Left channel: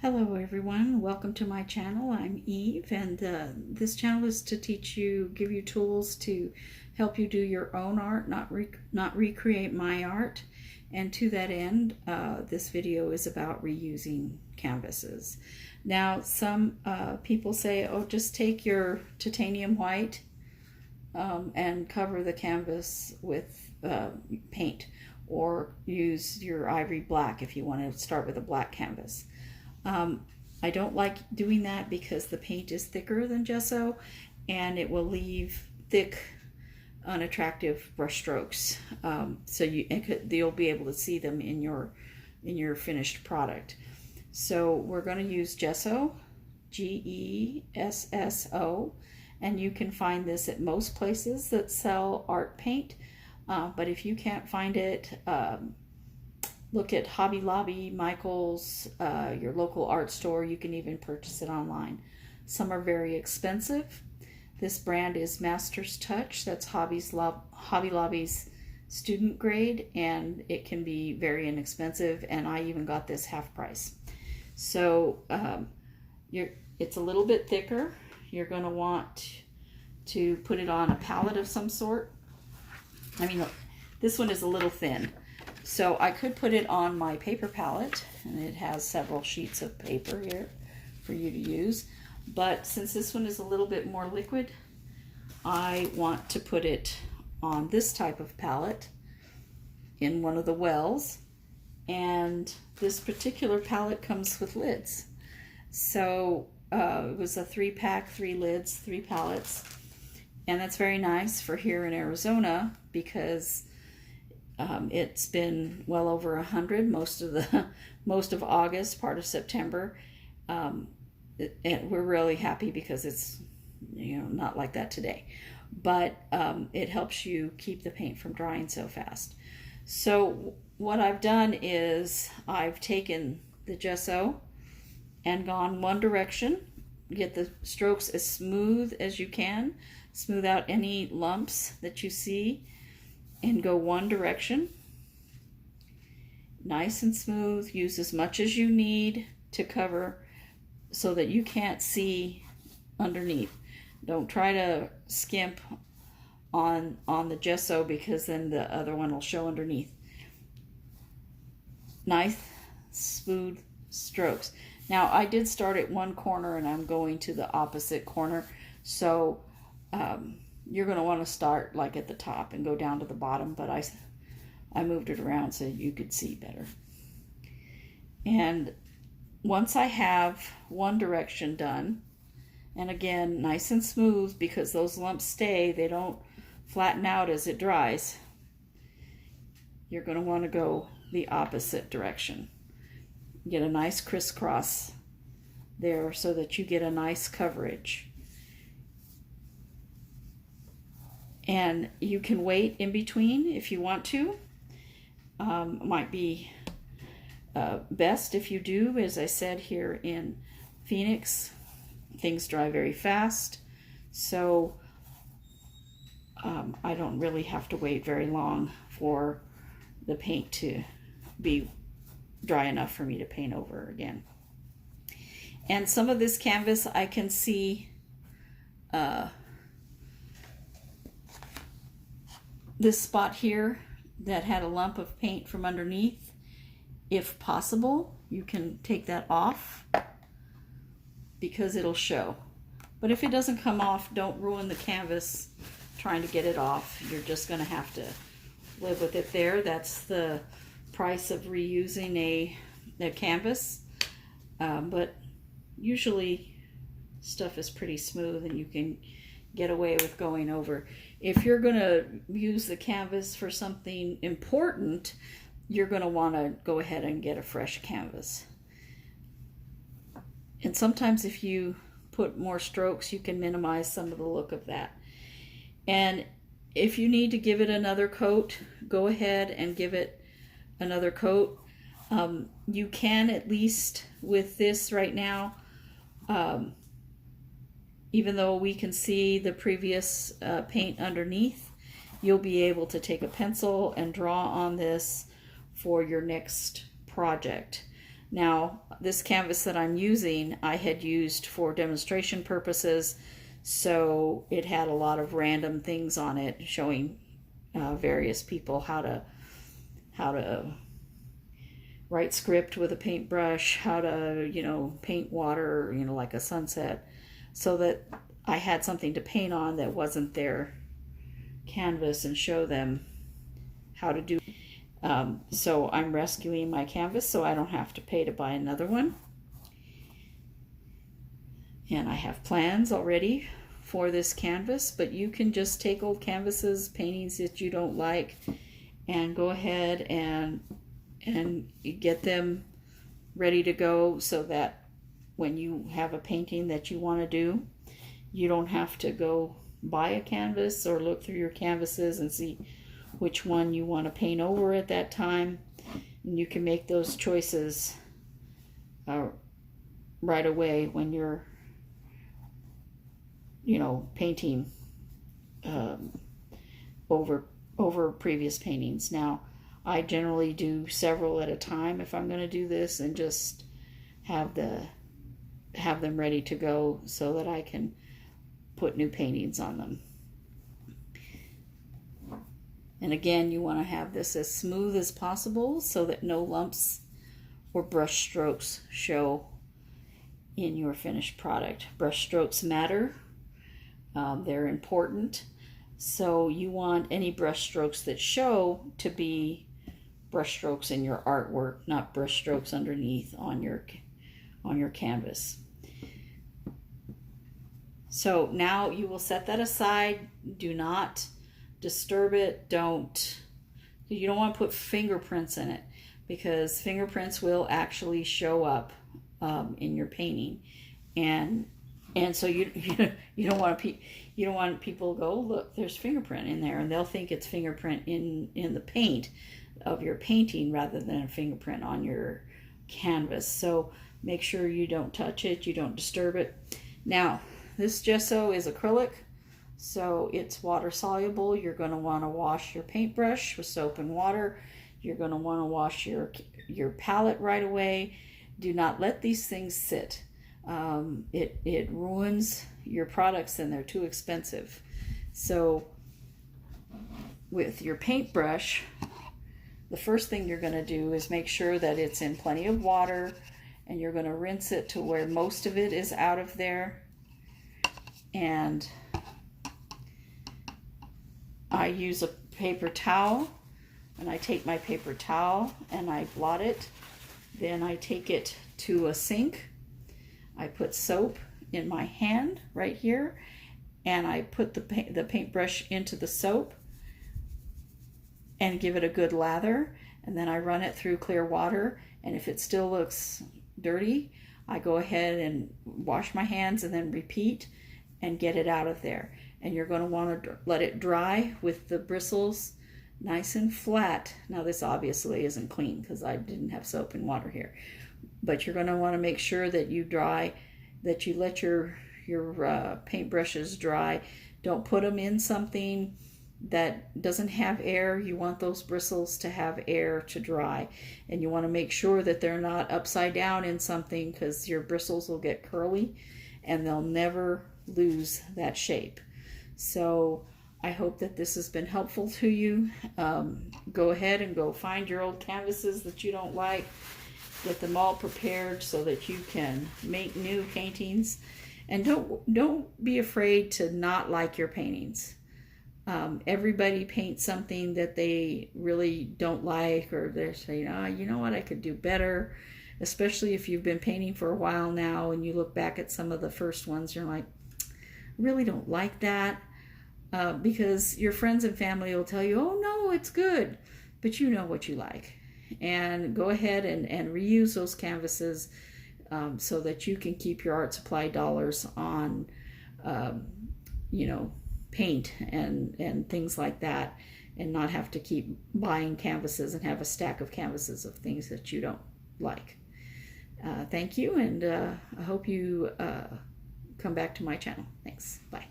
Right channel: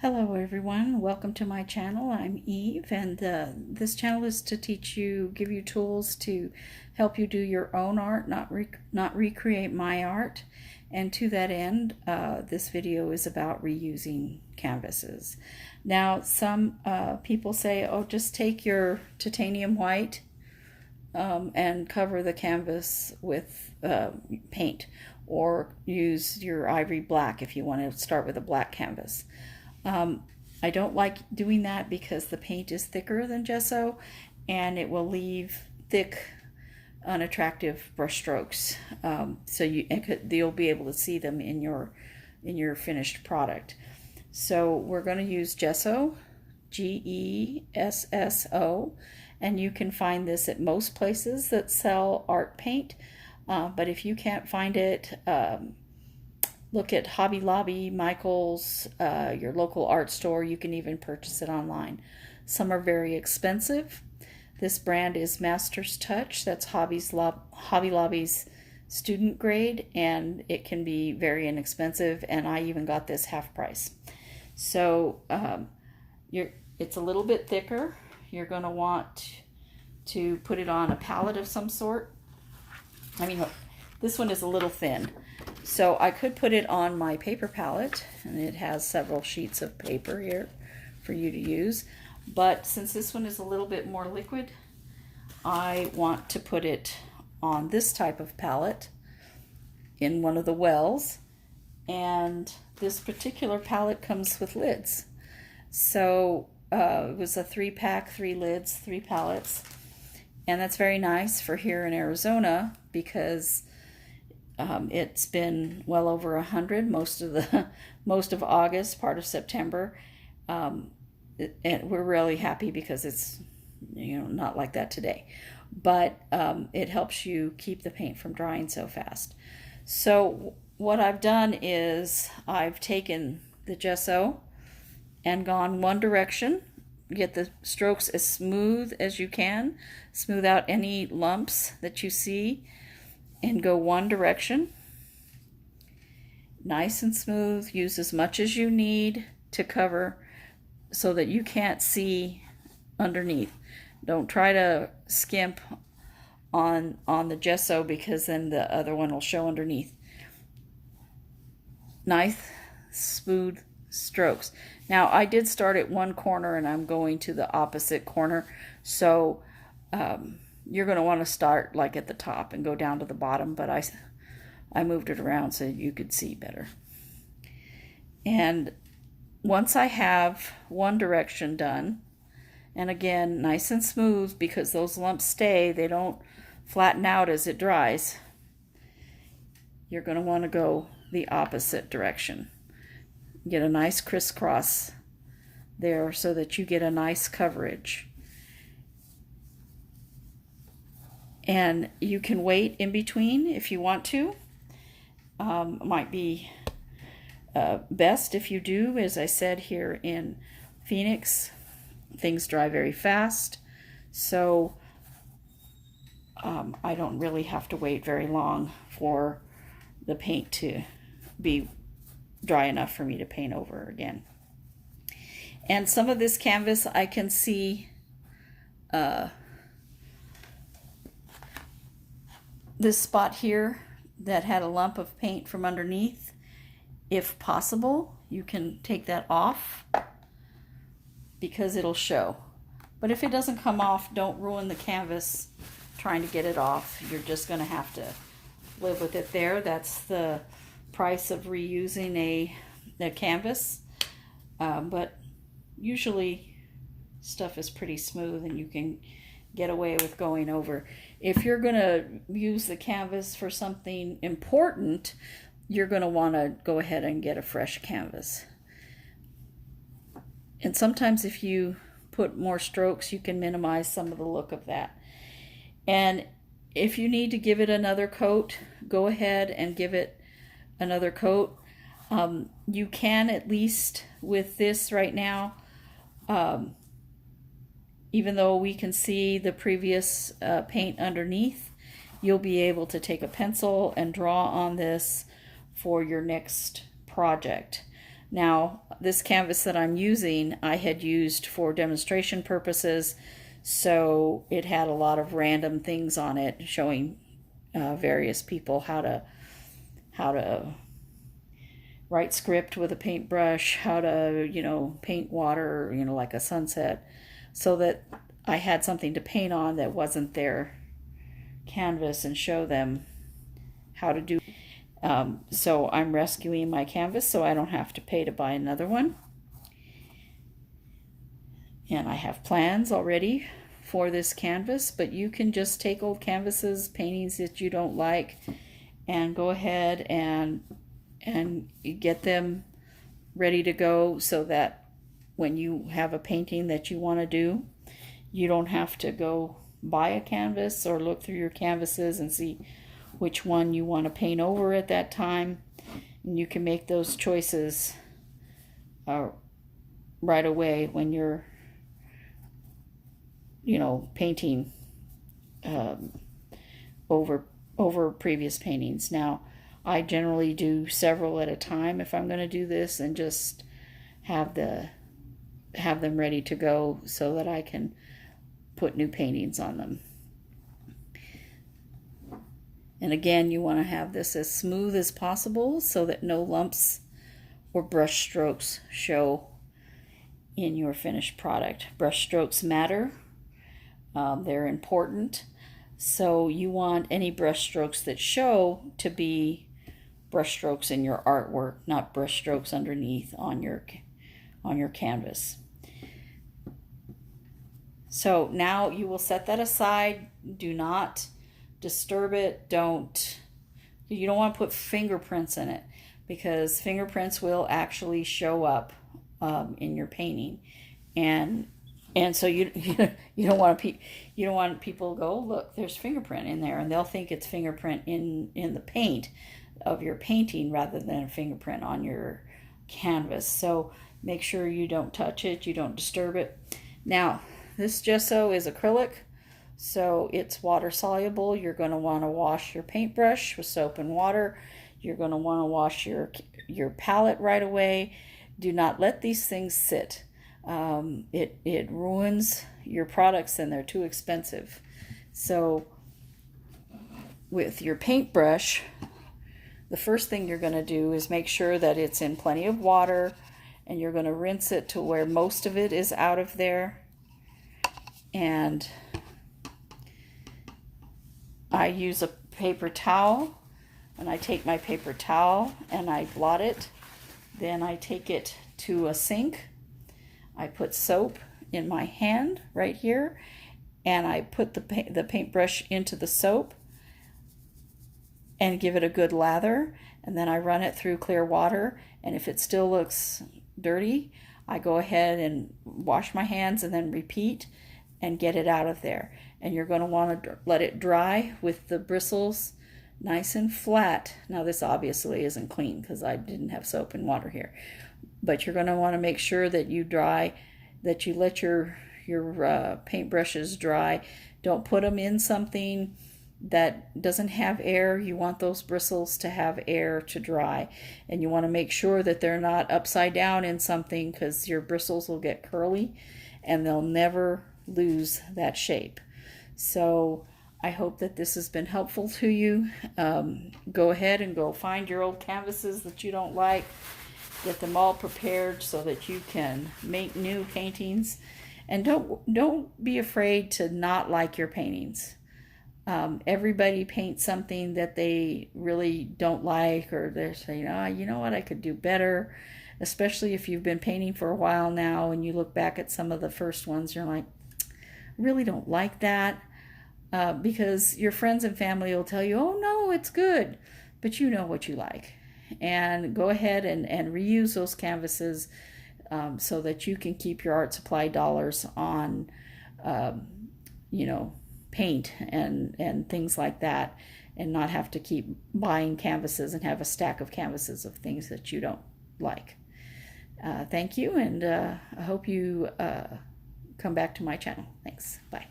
Hello everyone, welcome to my channel. I'm Eve, and this channel is to teach you, give you tools to help you do your own art, not recreate my art. And to that end, this video is about reusing canvases. Now, some people say, oh, just take your titanium white and cover the canvas with paint, or use your ivory black if you want to start with a black canvas. I don't like doing that because the paint is thicker than gesso and it will leave thick, unattractive brush strokes. So you'll be able to see them in your finished product. So we're going to use gesso, Gesso, and you can find this at most places that sell art paint. But if you can't find it, look at Hobby Lobby, Michael's, your local art store. You can even purchase it online. Some are very expensive. This brand is Master's Touch. That's Hobby Lobby's student grade, and it can be very inexpensive, and I even got this half price. So it's a little bit thicker. You're going to want to put it on a palette of some sort. I mean, look, this one is a little thin. So I could put it on my paper palette, and it has several sheets of paper here for you to use. But since this one is a little bit more liquid, I want to put it on this type of palette in one of the wells. And this particular palette comes with lids. So it was a 3-pack, 3 lids, 3 palettes. And that's very nice for here in Arizona because it's been well over 100 most of August, part of September, and we're really happy because it's not like that today. But it helps you keep the paint from drying so fast. So what I've done is I've taken the gesso and gone one direction. Get the strokes as smooth as you can. Smooth out any lumps that you see and go one direction. Nice and smooth. Use as much as you need to cover so that you can't see underneath. Don't try to skimp on the gesso because then the other one will show underneath. Nice, smooth strokes. Now, I did start at one corner and I'm going to the opposite corner. So you're going to want to start like at the top and go down to the bottom, but I moved it around so you could see better. And once I have one direction done, and again, nice and smooth because those lumps stay, they don't flatten out as it dries, you're going to want to go the opposite direction. Get a nice crisscross there so that you get a nice coverage. And you can wait in between if you want to. Might be best if you do. As I said, here in Phoenix, things dry very fast. So I don't really have to wait very long for the paint to be dry enough for me to paint over again. And some of this canvas I can see this spot here that had a lump of paint from underneath. If possible, you can take that off because it'll show. But if it doesn't come off, don't ruin the canvas trying to get it off. You're just going to have to live with it there. That's the price of reusing a canvas. But usually stuff is pretty smooth and you can get away with going over. If you're going to use the canvas for something important, you're going to want to go ahead and get a fresh canvas. And sometimes if you put more strokes, you can minimize some of the look of that. And if you need to give it another coat, go ahead and give it another coat. You can, at least with this right now, even though we can see the previous paint underneath, you'll be able to take a pencil and draw on this for your next project. Now, this canvas that I'm using, I had used for demonstration purposes, so it had a lot of random things on it showing various people how to write script with a paintbrush, how to, paint water, like a sunset, so that I had something to paint on that wasn't their canvas and show them how to do. So I'm rescuing my canvas so I don't have to pay to buy another one. And I have plans already for this canvas, but you can just take old canvases, paintings that you don't like, and go ahead and get them ready to go so that when you have a painting that you want to do, you don't have to go buy a canvas or look through your canvases and see which one you want to paint over at that time. And you can make those choices right away when you're painting over previous paintings. Now, I generally do several at a time if I'm going to do this, and just have them ready to go so that I can put new paintings on them. And again, you want to have this as smooth as possible so that no lumps or brush strokes show in your finished product. Brush strokes matter. They're important. So you want any brush strokes that show to be brush strokes in your artwork, not brush strokes underneath on your canvas. So now you will set that aside. Do not disturb it. You don't want to put fingerprints in it, because fingerprints will actually show up in your painting, and so you don't want people to go, oh, look, there's fingerprint in there, and they'll think it's fingerprint in the paint of your painting rather than a fingerprint on your canvas. So make sure you don't touch it, you don't disturb it. Now, this gesso is acrylic, so it's water soluble. You're going to want to wash your paintbrush with soap and water. You're going to want to wash your palette right away. Do not let these things sit. It ruins your products, and they're too expensive. So with your paintbrush, the first thing you're going to do is make sure that it's in plenty of water, and you're going to rinse it to where most of it is out of there. And I use a paper towel, and I take my paper towel and I blot it. Then I take it to a sink. I put soap in my hand right here, and I put the paintbrush into the soap and give it a good lather, and then I run it through clear water. And if it still looks dirty, I go ahead and wash my hands and then repeat and get it out of there. And you're going to want to let it dry with the bristles nice and flat. Now, this obviously isn't clean because I didn't have soap and water here, but you're going to want to make sure that you let your paintbrushes dry. Don't put them in something that doesn't have air. You want those bristles to have air to dry, and you want to make sure that they're not upside down in something, because your bristles will get curly and they'll never lose that shape. So I hope that this has been helpful to you. Go ahead and go find your old canvases that you don't like. Get them all prepared so that you can make new paintings. And don't be afraid to not like your paintings. Everybody paints something that they really don't like, or they're saying, you know what, I could do better. Especially if you've been painting for a while now and you look back at some of the first ones, you're like, really don't like that. Because your friends and family will tell you, oh no, it's good, but you know what you like. And go ahead and reuse those canvases so that you can keep your art supply dollars on, paint and things like that, and not have to keep buying canvases and have a stack of canvases of things that you don't like. Thank you, and I hope you come back to my channel. Thanks. Bye.